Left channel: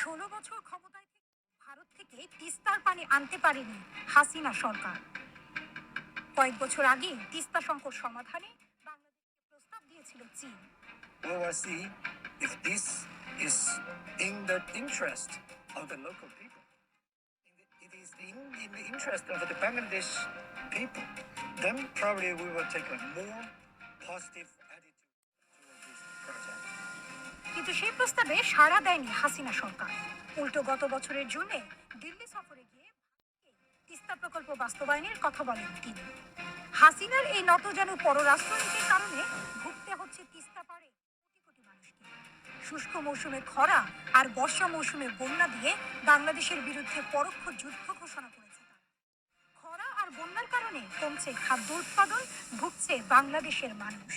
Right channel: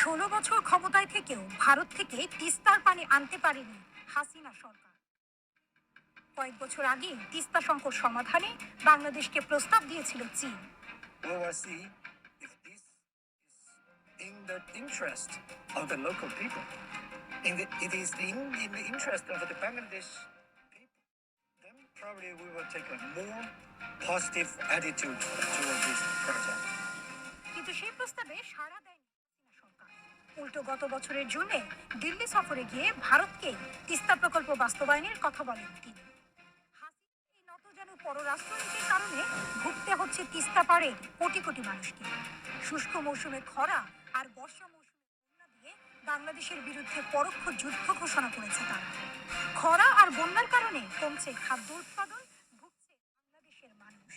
16 বছর ক্ষমতায় থেকেও ভারত থেকে তিস্তার পানি আনতে পারেনি হাসিনা সরকার। কয়েক বছর আগে তিস্তা সংকট সমাধানে বাংলাদেশকে প্রস্তাব দিয়েছিল চীন। We will see if this is in the interest of the local people. It is in the interest of the Bangladesh people. Then probably we will take a more positive attitude toward this project. কিন্তু সেই প্রস্তাবে সাড়া দেয়নি হাসিনা সরকার। উল্টো গত বছরের জুনে দিল্লি সফরে গিয়ে ভারতকে তিস্তা প্রকল্প বাস্তবায়নের কথা বলেন তিনি। হাসিনার এই নতজানু পররাষ্ট্রনীতির কারণে ভুগতে হচ্ছে তিস্তা পাড়ের কোটি কোটি মানুষকে। শুষ্ক মৌসুমে খরা আর বর্ষা মৌসুমে বন্যা দিয়ে বাংলাদেশের বিরুদ্ধে পরোক্ষ যুদ্ধ ঘোষণা করেছে তারা। খরা আর বন্যার কারণে কমছে খাদ্য উৎপাদন, ভুগছে বাংলাদেশের মানুষ।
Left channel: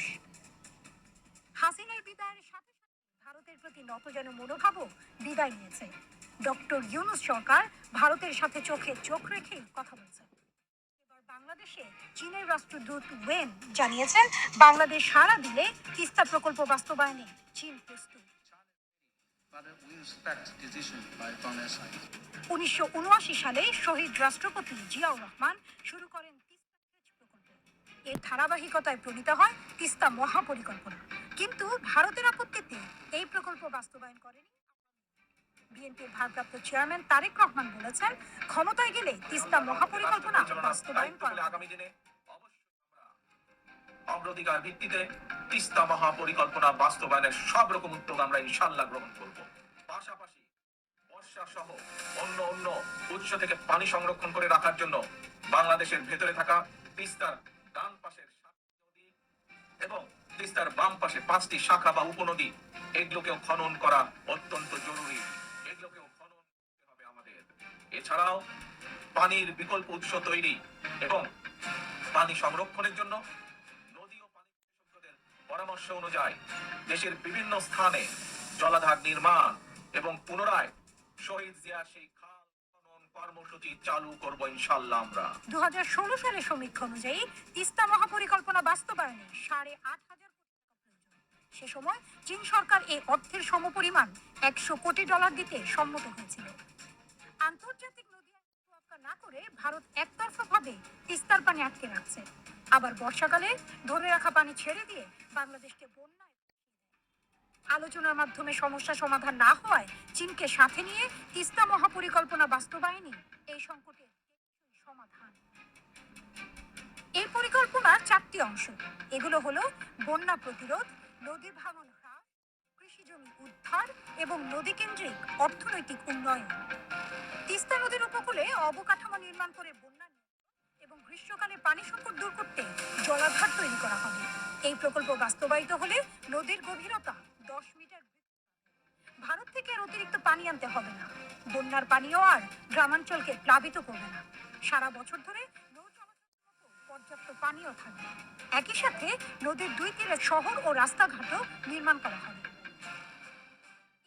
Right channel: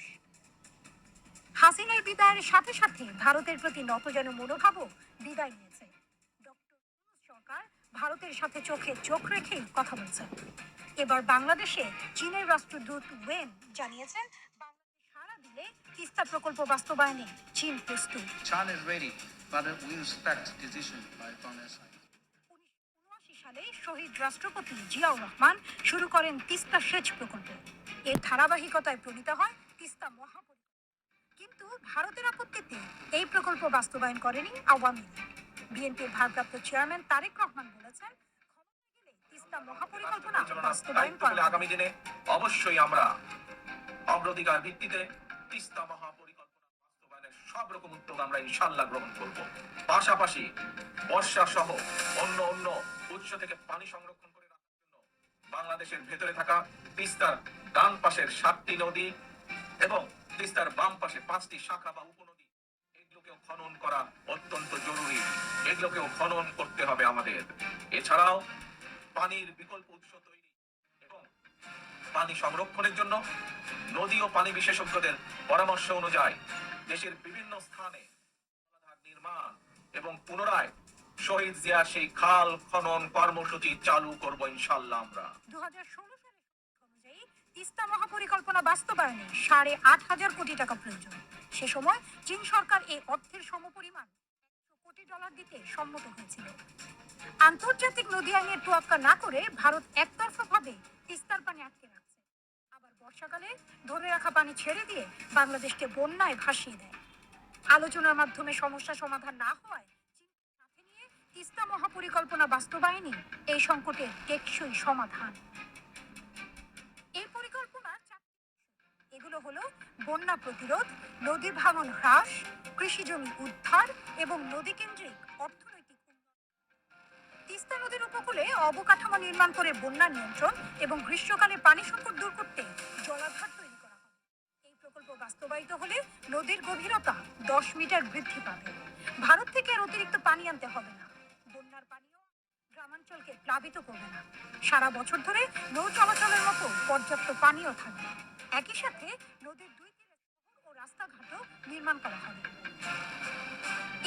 হাসিনার বিদায়ের সাথে সাথে ভারতের প্রতি নতজানু মনোভাবও বিদায় নিয়েছে। ডক্টর ইউনূস সরকার ভারতের সাথে চোখে চোখ রেখেই কথা বলছেন। এবার বাংলাদেশে চীনের রাষ্ট্রদূত ওয়েন জানিয়েছেন, বাংলাদেশ সাড়া দিলে তিস্তা প্রকল্প বাস্তবায়নে চীন প্রস্তুত। 1979 সালে শহীদ রাষ্ট্রপতি জিয়াউর রহমান শুরু করেন তিস্তা সেচ প্রকল্প। এর ধারাবাহিকতায় প্রণীত হয় তিস্তা মহাপরিকল্পনা। কিন্তু ভারতের আপত্তিতে এই প্রকল্প বাস্তবায়ন করেনি আওয়ামী লীগ। বিএনপির ভারপ্রাপ্ত চেয়ারম্যান তারেক রহমান বলেছেন, ক্ষমতায় গেলে তিস্তা মহাপরিকল্পনা বাস্তবায়ন করা আগামী দিনে অবশ্যই আমরা অগ্রাধিকার ভিত্তিতে তিস্তা মহাপরিকল্পনা বাস্তবায়নের সব রকম উদ্যোগ আমরা ইনশাআল্লাহ গ্রহণ করব। পাশাপাশি বর্ষা সহ অন্য উৎস থেকে পানি সংরক্ষণ করে রাখার জন্য বাংলাদেশের ভেতরে থাকা তিস্তার ডান পাশের 7টি নদী এবং তিস্তার বাম পাশে 5টি শাখা বা উপনদী, এগুলোকেও খনন করা অত্যন্ত জরুরি। এগুলোকেও খনন করতে হবে আমাদের। এছাড়াও পানির বিকল্প উৎস তৈরি এবং পানি সংরক্ষণের জন্য নদী ও পানি বিশেষজ্ঞদের পরামর্শ অনুযায়ী দেশের বিভিন্ন স্থানে জলাধার নির্মাণ এবং পুনরায় শহীদ জিয়া সেই খাল খনন কর্মসূচি চালু করব ইনশাআল্লাহ। আমরা 2016 সালের সমীক্ষা অনুযায়ী তিস্তা মহাপরিকল্পনা বাস্তবায়নে 8,500 কোটি টাকা প্রয়োজন। সে সময় চীন সরকার এই অর্থের সমপরিমাণ $100 কোটি দিতে সম্মত হয়েছিল। আন্তর্জাতিক নদী আইনের তোয়াক্কা না করে ভারত একতরফাভাবে তিস্তার পানি আটকে রাখছে। আবার বর্ষাকালে ধরে রাখা পানি ছেড়ে দিয়ে বাংলাদেশকে বন্যায় ভাসিয়ে দেয়। আলোচনার মাধ্যমে সমস্যা সমাধান না হওয়ায় চীনকে সাথে নিয়ে তিস্তা মহাপরিকল্পনা বাস্তবায়নই এই সংকটের টেকসই সমাধান। এই পরিকল্পনার 4টি অংশ। এগুলো হলো বন্যা প্রতিরোধ, নদী ভাঙন হ্রাস, কৃষিজমি উদ্ধার এবং নদী কেন্দ্রিক অর্থনৈতিক উন্নয়ন। তিস্তা নদীর উপকূলে অবকাঠামো নির্মাণ করে বন্যা নিয়ন্ত্রণ এবং গ্রীষ্মকালে পানি সংকট দূর করতে জলাধার তৈরি করা হবে। এই প্রকল্প বাস্তবায়িত হলে নদীর গভীরতা 10 মিটার বৃদ্ধি পাবে। ভারত থেকে আর অতিরিক্ত পানি আনতে হবে না। বন্যার পানিও আর গ্রামাঞ্চলকে প্লাবিত করবে না। সারা বছর ধরে নৌ চলাচলের মতো পর্যাপ্ত পানিও থাকবে। একই সাথে নদীর 2 তীরে শহর ও রাস্তাঘাটও নির্মাণ করা হবে।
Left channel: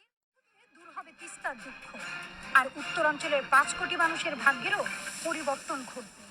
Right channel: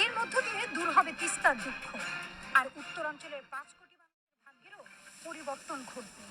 এর মধ্য দিয়ে দূর হবে তিস্তার দুঃখ, আর উত্তরাঞ্চলের 5 কোটি মানুষের ভাগ্যেরও পরিবর্তন ঘটবে।